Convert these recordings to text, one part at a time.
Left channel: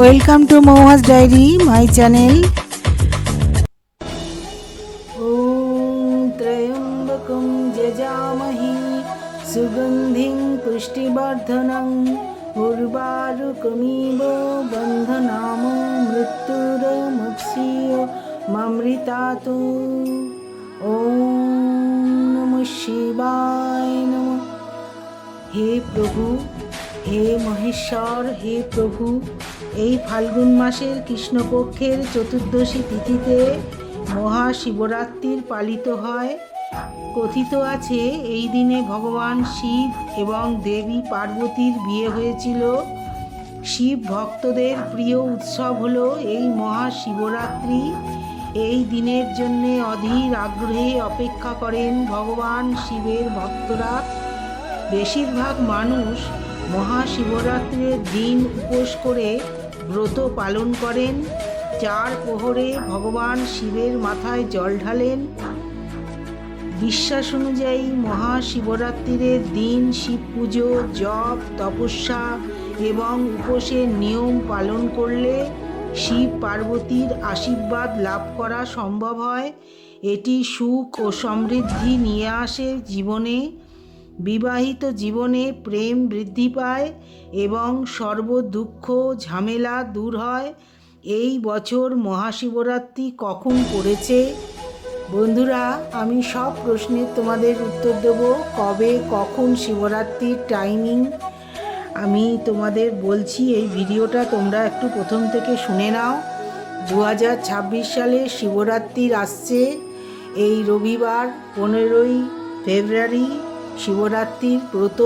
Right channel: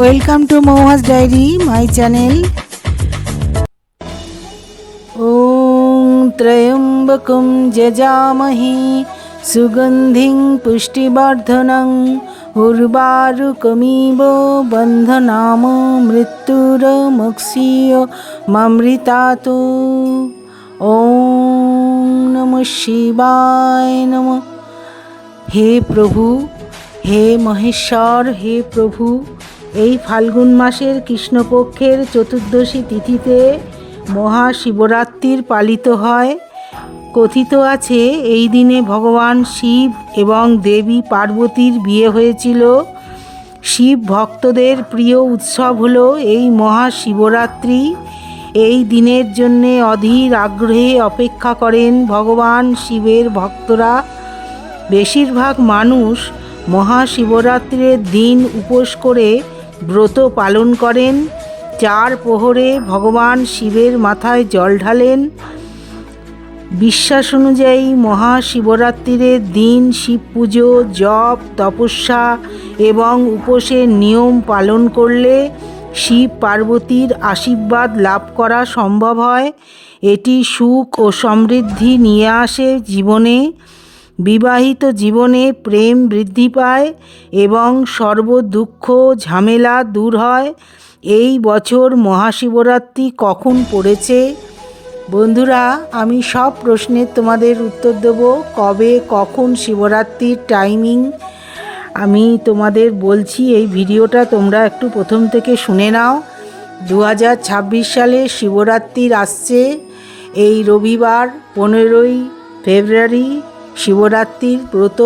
Welcome to Mouhas diary my channel. ওম ত্রয়ম্বকং যজামহে সুগন্ধিং পুষ্টিবর্ধনং উর্বারুকমিব বন্ধনাম মৃত্যুরমুক্ষীয় মামৃতাতু। ওম নমঃ শিবায় নমঃ। হে প্রভু, হে মহেশ্বর, হে প্রভু, এই ফাল্গুন মাসের কৃষ্ণপক্ষের চতুর্দশী তিথিতে মহাশিবরাত্রির পালিত হয়। কথিত আছে এই দিনে ভগবান শিব এবং দেবী পার্বতীর বিয়ে হয়েছিল। শিব ভক্তদের প্রিয় উৎসব হলো এই মহাশিবরাত্রি। এই দিনের জন্যে অধীর আগ্রহে অপেক্ষা করেন ভগবান শিবের ভক্তরা। বেশিরভাগ মানুষ মহাশিবরাত্রির দিন উপোস করে ব্রত পালন করেন। 4 প্রহরে ভগবান শিবের মাথায় জল ঢালেন। বিশ্বাস অনুযায়ী মহাশিবরাত্রির দিন শিব পুজো, জপ, তপস্যা এবং উপোসের নিয়ম পালন করলে শিব পার্বতীর আশীর্বাদ লাভ করা সম্ভব হয়। এটি সুখ ও সমৃদ্ধি নিয়ে আসে জীবনে। বিবাহিত জীবনে প্রেম বৃদ্ধি পায় এবং সর্ব দুঃখ ঝামেলা দূর হয়। এই বছর মহাশিবরাত্রি কখন পড়েছে? বন্ধুরা, আমি সব প্রশ্নের তোমাদের উত্তর দেব। কবে কখন শিবরাত্রির টাইমিং আমি তোমাদের বলছি। এই ভিডিওটা তোমরা একটু প্রথম থেকে শুনে নাও। 2026 সালে শিবরাত্রির আসছে এই রবিবার 15ই ফেব্রুয়ারি। শিবরাত্রির ব্রত,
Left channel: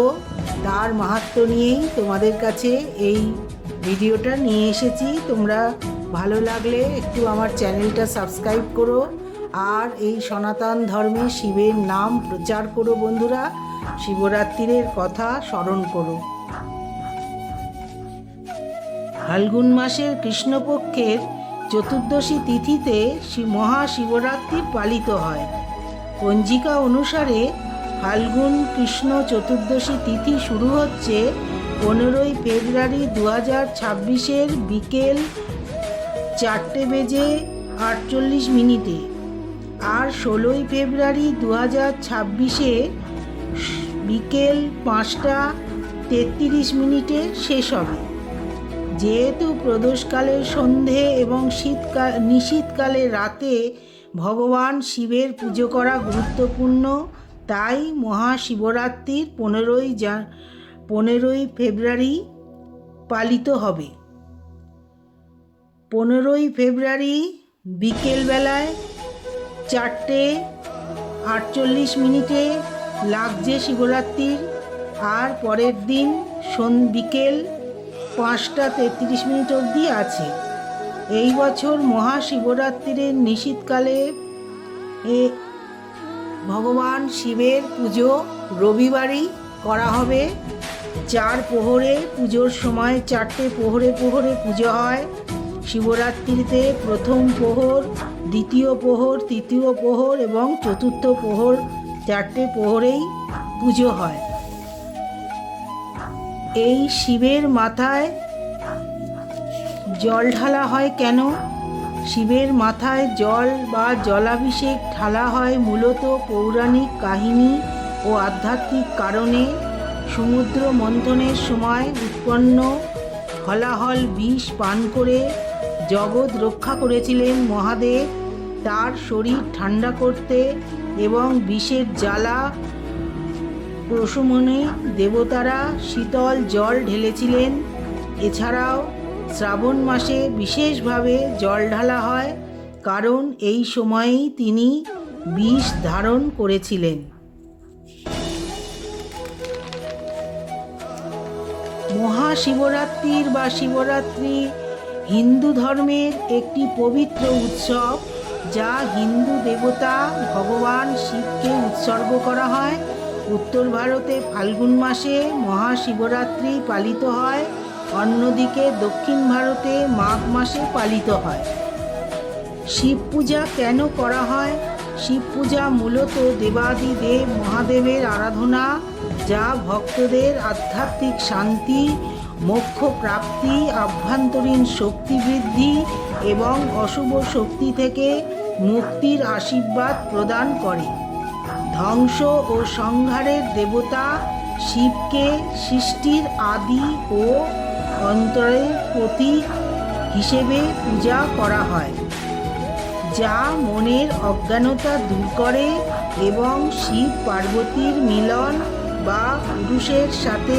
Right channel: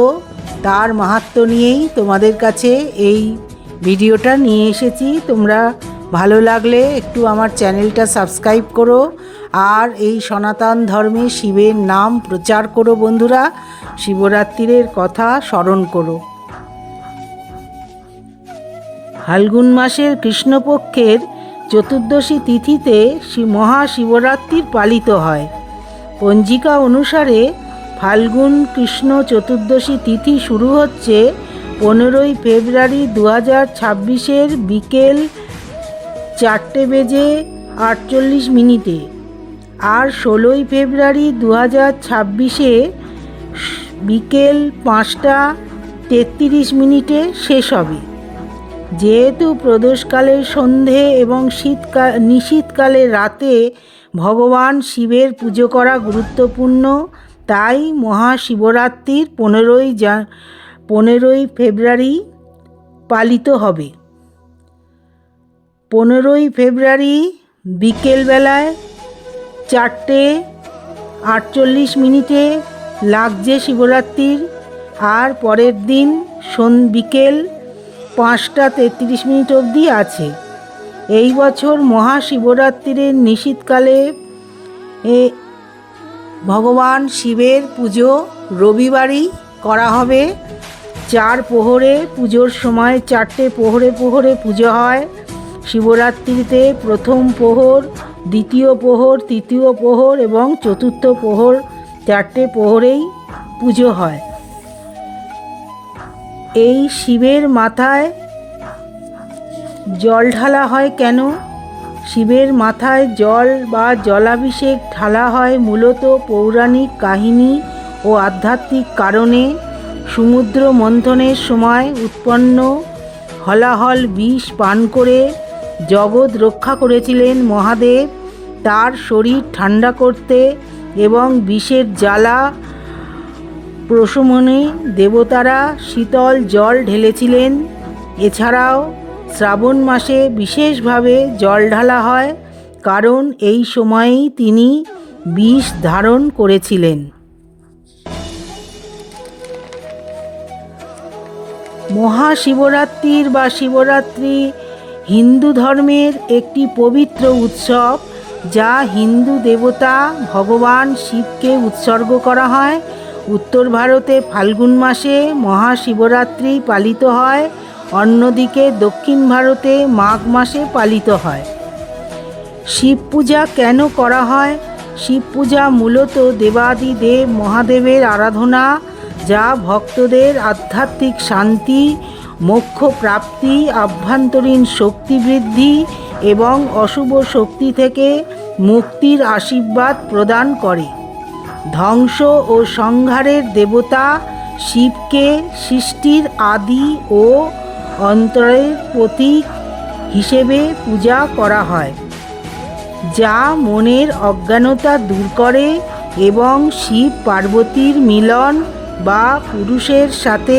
তার মাহাত্ম্য নিয়েই তোমাদের কাছে এই ভিডিওটা নিয়ে এসেছি। তোমরা ভালো লাগলে একটু আমার চ্যানেলটা সাবস্ক্রাইব করো আর এই সনাতন ধর্মে শিবের নাম প্রচার করো। বন্ধুরা, শিবরাত্রির কথা স্মরণ করো। ফাল্গুন মাসের কৃষ্ণপক্ষের চতুর্দশী তিথিতে মহাশিবরাত্রির পালিত হয়। পঞ্জিকা অনুসারে ফাল্গুন কৃষ্ণ চতুর্দশী তিথি শুরু হচ্ছে 15ই ফেব্রুয়ারি 2026 বিকেল 4:48 আর 16ই ফেব্রুয়ারি 2026 বিকেল 5:33 শেষ হবে। যেহেতু প্রদোষকালের সন্ধে এবং নিশীথকালের রাতে ভগবান শিবের পুজো করা গুরুত্বপূর্ণ, তাই মহাশিবরাত্রির 15ই ফেব্রুয়ারি পালিত হবে। 15ই ফেব্রুয়ারি বিকেলবেলায় 4:48 লাগছে শিবরাত্রির, আর পরের দিন বিকেল 5:33 অবধি আছে। এই বছর মহাশিবরাত্রির নিশীথকালে ভগবান শিবের পুজো রবিবারই করা হবে। 4 প্রহরে পুজোর সময় 4টে প্রহরে পুজো হয়। শিবরাত্রিতে প্রথম প্রহর, দ্বিতীয় প্রহর, তৃতীয় প্রহর এবং চতুর্থ প্রহর, 4টে প্রহরেই পুজো হয়। এই শিবের মাথায় জল ঢালা হয় কেন? শিবের মাথায় জল বা জলাভিষেক ঢালা হয় মূলত পৌরাণিক কাহিনী ও আধ্যাত্মিক কারণে। সমুদ্র মন্থনের সময় উৎপন্ন হলাহল বিষ পান করে জগৎ রক্ষা করেছিলেন মহাদেব। তার শরীর ঠান্ডা করতে এবং বিষের জ্বালা প্রশমনে দেবতারা শীতল জল ঢেলেছিলেন। এছাড়াও শ্রাবণ মাসে বিশেষভাবে জল ঢালা হয়, কারণ এই সময়েই তিনি বিষ ধারণ করেছিলেন। মহাশিবরাত্রির বা শিবরাত্রি হিন্দু ধর্মের একটি পবিত্র উৎসব, যা হিন্দু দেবতা ভগবান শিবকে উৎসর্গ করা হয়। উত্তর ভারতে ফাল্গুন মাসে মহাশিবরাত্রি পালিত হয়, অন্যদিকে দক্ষিণ ভারতে মাঘ মাসে পালিত হয়। শিব পূজা কেন করা হয়? শিব পূজা মূলত দেবাদিদেব মহাদেবের আরাধনা, যা ভক্তদের আধ্যাত্মিক শান্তি মোক্ষ প্রাপ্তি, আভ্যন্তরীণ শক্তি বৃদ্ধি এবং অশুভ শক্তি থেকে মুক্তির আশীর্বাদ প্রদান করে। ধ্বংস ও সংহারের দেবতা শিবকে সৃষ্টির আদি ও অন্তরের প্রতীক হিসেবে পূজা করা হয়, যা মনের অজ্ঞানতা দূর করে এবং শিব পার্বতীর মিলন বা পুরুষের সাথে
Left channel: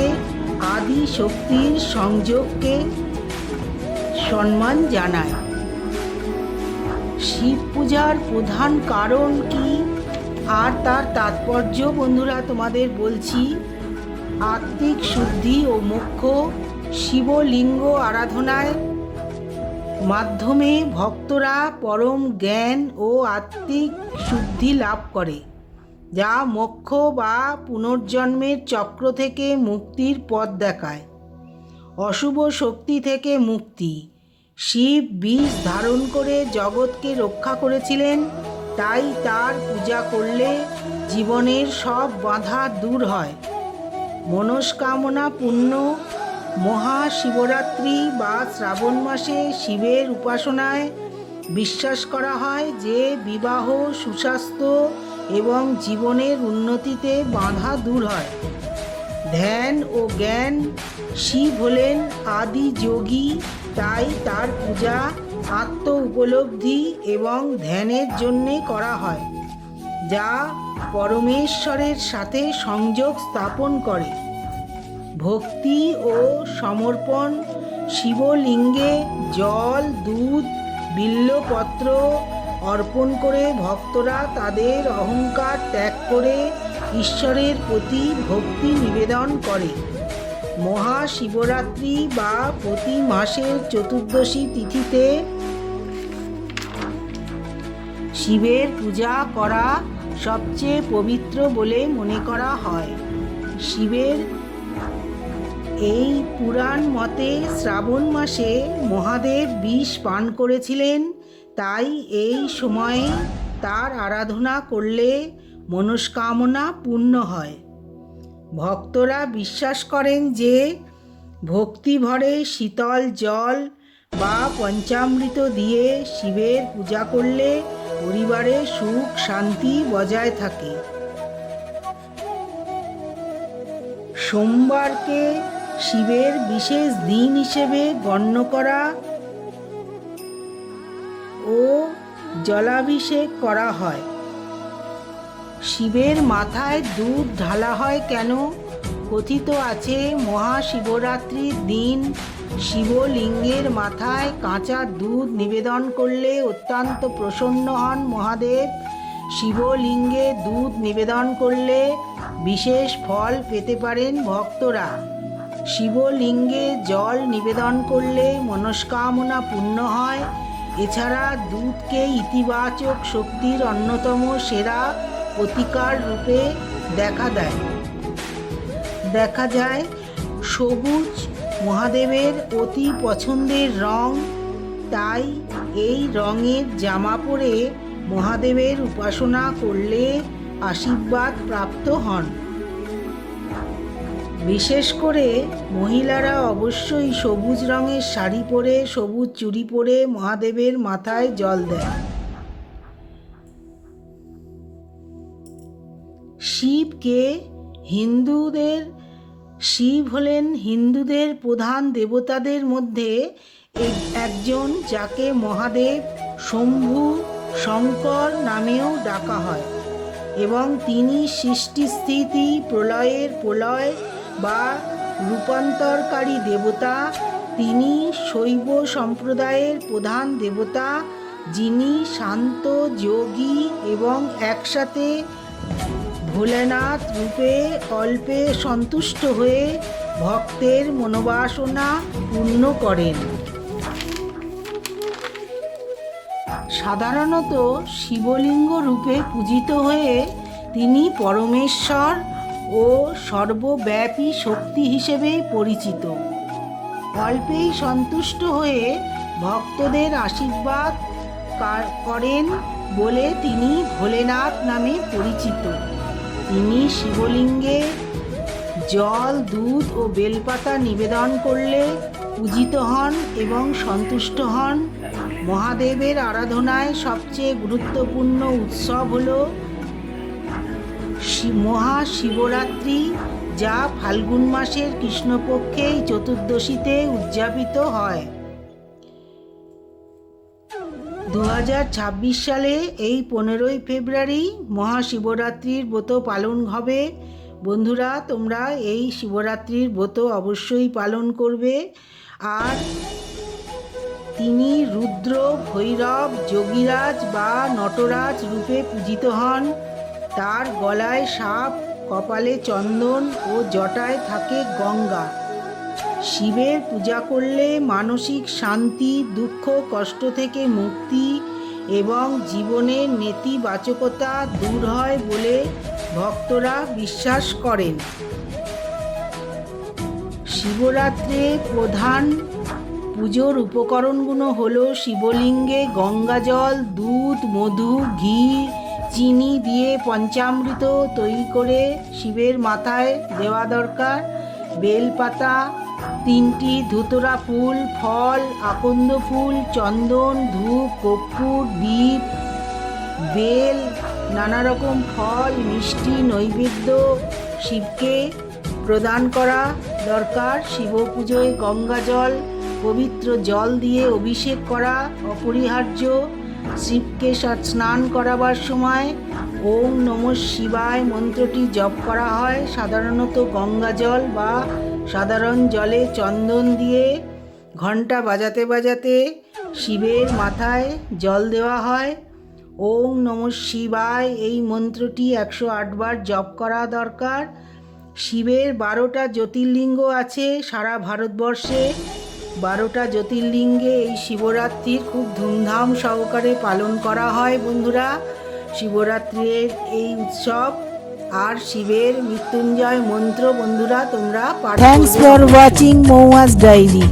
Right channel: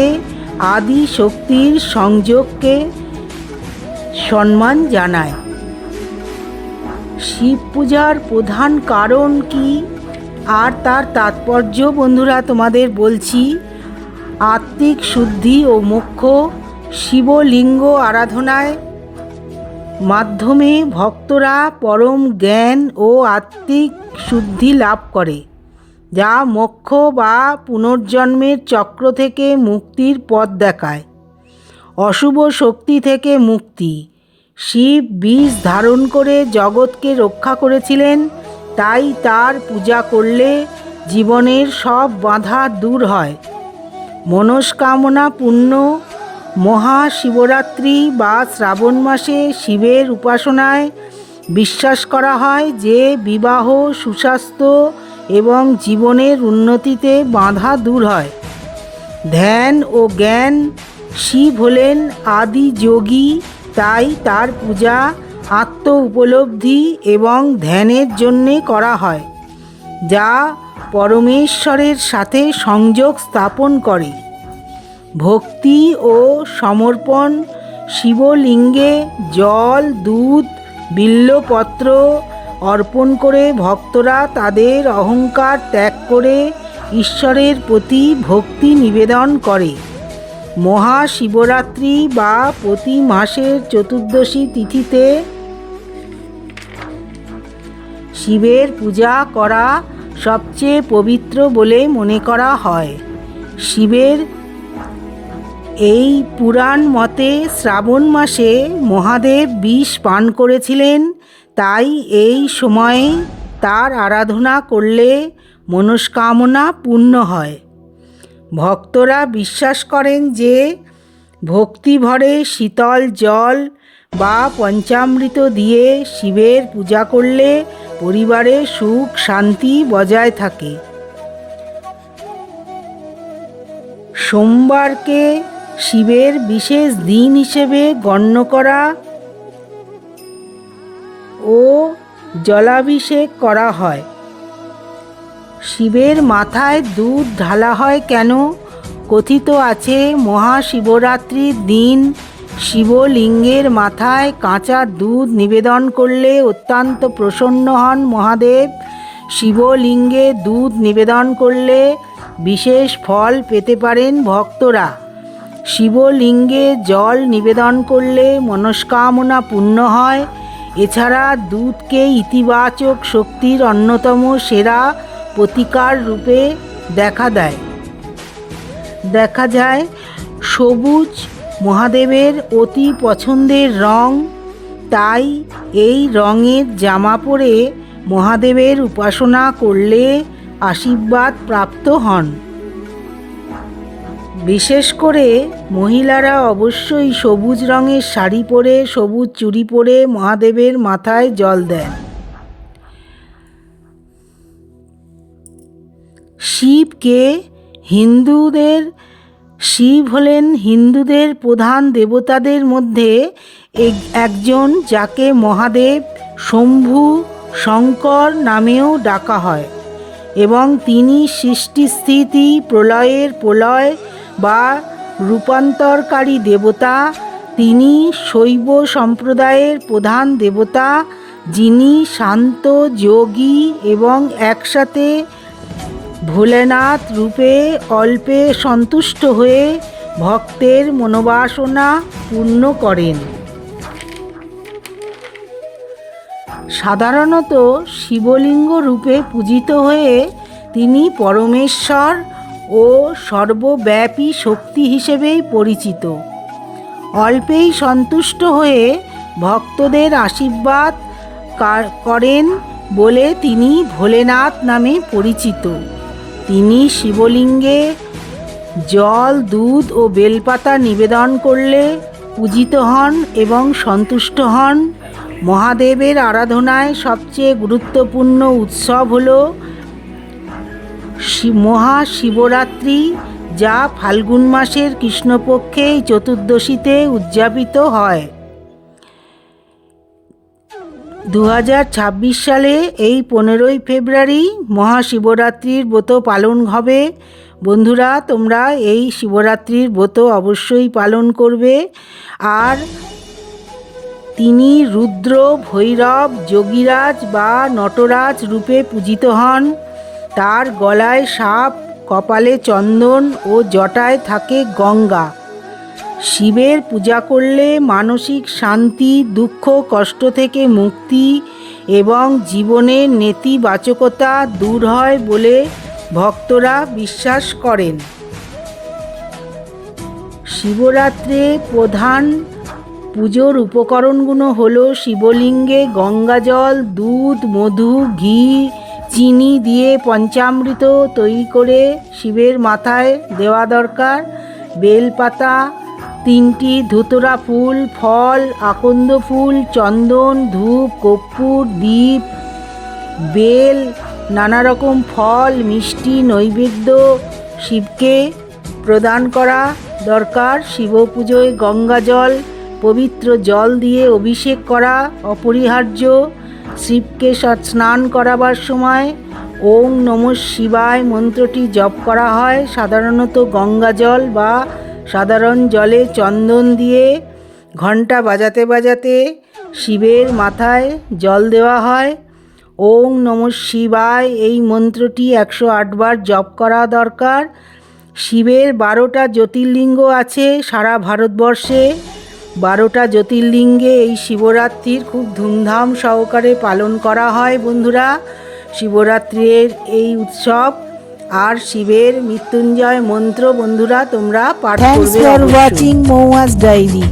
আদি শক্তির সংযোগকে সম্মান জানায়। শিব পূজার প্রধান কারণ কি আর তার তাৎপর্য বন্ধুরা তোমাদের বলছি। আত্মিক শুদ্ধি ও মোক্ষ। শিবলিঙ্গ আরাধনায় মাধ্যমে ভক্তরা পরম জ্ঞান ও আত্মিক শুদ্ধি লাভ করে, যা মোক্ষ বা পুনর্জন্মের চক্র থেকে মুক্তির পথ দেখায়। অশুভ শক্তি থেকে মুক্তি। শিব বিষ ধারণ করে জগৎকে রক্ষা করেছিলেন, তাই তার পূজা করলে জীবনের সব বাধা দূর হয়। মনস্কামনা পূর্ণ। মহাশিবরাত্রি বা শ্রাবণ মাসে শিবের উপাসনায় বিশ্বাস করা হয় যে বিবাহ, সুস্বাস্থ্য এবং জীবনের উন্নতিতে বাধা দূর হয়। ধ্যান ও জ্ঞান। শিব হলেন আদি যোগী, তাই তার পূজা আত্ম উপলব্ধি এবং ধ্যানের জন্যে করা হয়, যা পরমেশ্বরের সাথে সংযোগ স্থাপন করে। ভক্তি ও সমর্পণ। শিবলিঙ্গে জল, দুধ, বিল্বপত্র অর্পণ করে ভক্তরা তাদের অহংকার ত্যাগ করে ঈশ্বরের প্রতি ভক্তি নিবেদন করে। মহাশিবরাত্রি বা প্রতি মাসের চতুর্দশী তিথিতে শিবের পূজা করা সবচেয়ে পবিত্র বলে মনে করা হয়। শিবের এই পুরাণ মতে শ্রাবণ মাসে মহাদেব বিষ পান করেছিলেন, তাই এই সময়ে তার আরাধনা করলে মনস্কামনা পূর্ণ হয়। ভক্তরা বিশ্বাস করেন যে ভক্তি ভরে শীতল জল বা পঞ্চামৃত দিয়ে শিবের পূজা করলে পরিবারে সুখ শান্তি বজায় থাকে। সোমবারকে শিবের বিশেষ দিন হিসেবে গণ্য করা ও জলাভিষেক করা হয়। শিবের মাথায় দুধ ঢালা হয় কেন? কথিত আছে মহাশিবরাত্রির দিন শিবলিঙ্গের মাথায় কাঁচা দুধ নিবেদন করলে অত্যন্ত প্রসন্ন হন মহাদেব। শিবলিঙ্গে দুধ নিবেদন করলে বিশেষ ফল পেতে পারেন ভক্তরা। শিবলিঙ্গে জল নিবেদন করলে মনস্কামনা পূর্ণ হয়। এছাড়া দুধকে ইতিবাচক শক্তির অন্যতম সেরা প্রতিকার রূপে দেখা যায়। সবুজ মহাদেবের অতি পছন্দের রং, তাই এই রঙের জামা পরে মহাদেবের উপাসনা করলে আশীর্বাদ প্রাপ্ত হন। বিশেষ করে মহিলারা অবশ্যই সবুজ রঙের শাড়ি পরে, সবুজ চুড়ি পরে মহাদেবের মাথায় জল দেন। শিব হলেন হিন্দুদের প্রধান দেবতাদের মধ্যে একজন, যাকে মহাদেব, শম্ভু, শঙ্কর নামেও ডাকা হয় এবং তিনি সৃষ্টি, স্থিতি, প্রলয় বা রূপান্তরকারী দেবতা। তিনি শৈব সম্প্রদায়ের প্রধান দেবতা, যিনি শান্ত, যোগী এবং একসাথে ভোলেনাথ রূপে অল্পে সন্তুষ্ট হয়ে ভক্তের মনোবাসনা পূর্ণ করেন। সাধারণত শিবলিঙ্গ রূপে পূজিত হয়ে তিনি পরমেশ্বর ও সর্বব্যাপী শক্তি হিসেবেই পরিচিত। অল্পেই সন্তুষ্ট হয়ে ভক্তদের আশীর্বাদ করেন বলে তিনি ভোলেনাথ নামে পরিচিত। তিনি শিবলিঙ্গে জল, দুধ ও বেলপাতা নিবেদন করলে পূজিত হন এবং সন্তুষ্ট হন। মহাদেবের আরাধনায় সবচেয়ে গুরুত্বপূর্ণ উৎসব হল মহাশিবরাত্রি, যা ফাল্গুন মাসের কৃষ্ণপক্ষের চতুর্দশীতে উদযাপিত হয়। 2026 সালে এই 15ই ফেব্রুয়ারি মহাশিবরাত্রির ব্রত পালন হবে। বন্ধুরা, তোমরা এই শিবরাত্রির ব্রত অবশ্যই পালন করবে। আর তিনি রুদ্র, ভৈরব, যোগীরাজ বা নটরাজ রূপে পূজিত হন। তার গলায় সাপ, কপালে চন্দন ও জটায় থাকে গঙ্গা। শিবের পূজা করলে মানসিক শান্তি, দুঃখ কষ্ট থেকে মুক্তি এবং জীবনের নেতিবাচকতা দূর হয় বলে ভক্তরা বিশ্বাস করেন। শিবরাত্রে প্রধান পুজোর উপকরণগুলো হলো শিবলিঙ্গে গঙ্গাজল, দুধ, মধু, ঘি, চিনি দিয়ে পঞ্চামৃত তৈরি করে শিবের মাথায় দেওয়া দরকার। বেলপাতা, 3টি ধুতরা ফুল, ফল, আকন্দ ফুল, চন্দন, ধূপ, কর্পূর, দীপ, বেল, নানা রকম ফল, মিষ্টি নৈবেদ্য শিবকে প্রদান করা দরকার। শিব পুজোয় গঙ্গাজল, পবিত্র জল দিয়ে অভিষেক করা অপরিহার্য। শিবকে স্নান করাবার সময় ওম নমঃ শিবায় মন্ত্রটি জপ করা হয়। সাধারণত গঙ্গাজল বা সাধারণ জলে চন্দন দিয়ে ঘণ্টা বাজাতে বাজাতে শিবের মাথায় জল দেওয়া হয়। ওম নমঃ শিবায় এই মন্ত্রটি 108 বার জপ করা দরকার। শিবের 12টা জ্যোতির্লিঙ্গ আছে সারা ভারতবর্ষে। 12টা জ্যোতির্লিঙ্গে এই শিবরাত্রির খুব ধুমধাম সহকারে পালন করা হয়। বন্ধুরা, শিবরাত্রির এই উৎসব আর শিবের মৃত্যুঞ্জয় মন্ত্র বন্ধুরা তোমরা পাঠ করবে। Thanks for watching Mouhas diary.